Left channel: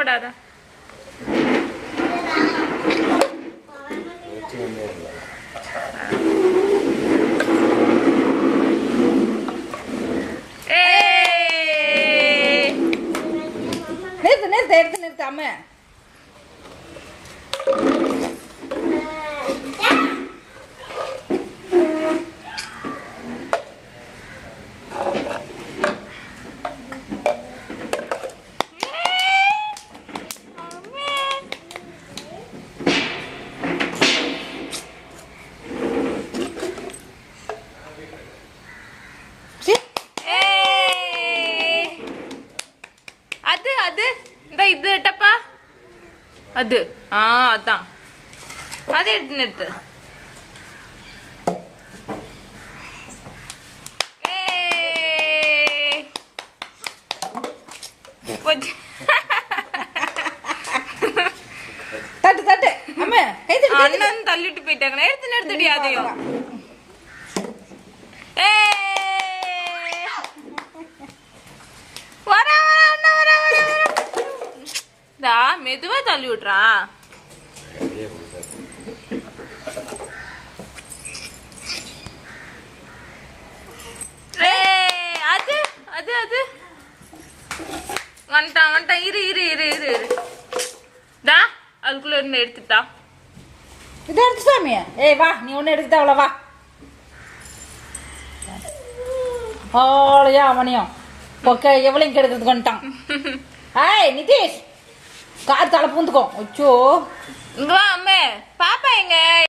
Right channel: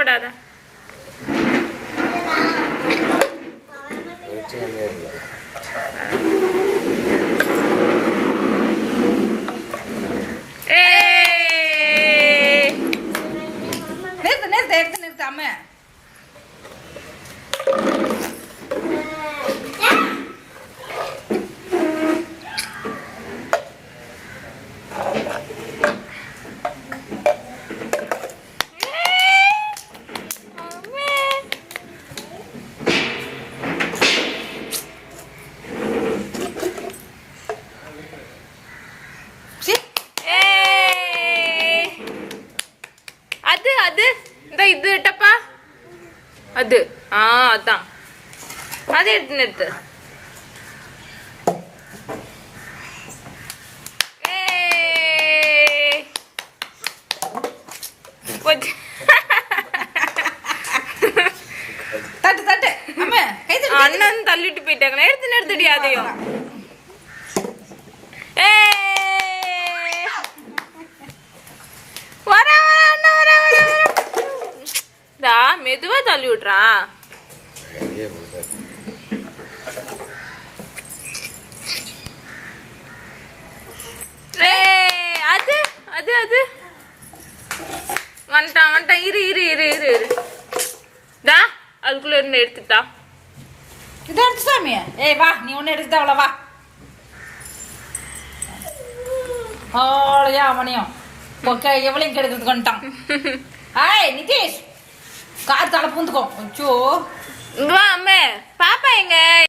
படாத. நிறுத்து அம்மா. அது இது டப்பா அது அதான் அதை எடுத்து நிறுத்து. தட்டு தட்டு அம்மா. அண்ணன் தள்ளிட்டு போயிட்டாங்களா? எடுத்து நிறுத்தடி அதையும். மெதுவா தள்ளி விட்டுறான். அது அது அது வந்துட்டான். இரு இரு இரு இரு தா அதுக்குள்ள இருந்து எடுத்துட்டா. இது எடுத்து சாமி. வா நீ ஒண்ணு எடுத்துட்டா அவ்வளோ வா. ஆளையா அவனையும் பொக்க எவ்வளவு கெடுக்கிறதுக்கு வந்துட்டான். நிதேஷ் கார் தலை பூந்துக்கும். அச்சோ அம்மே பாப்பா எங்க?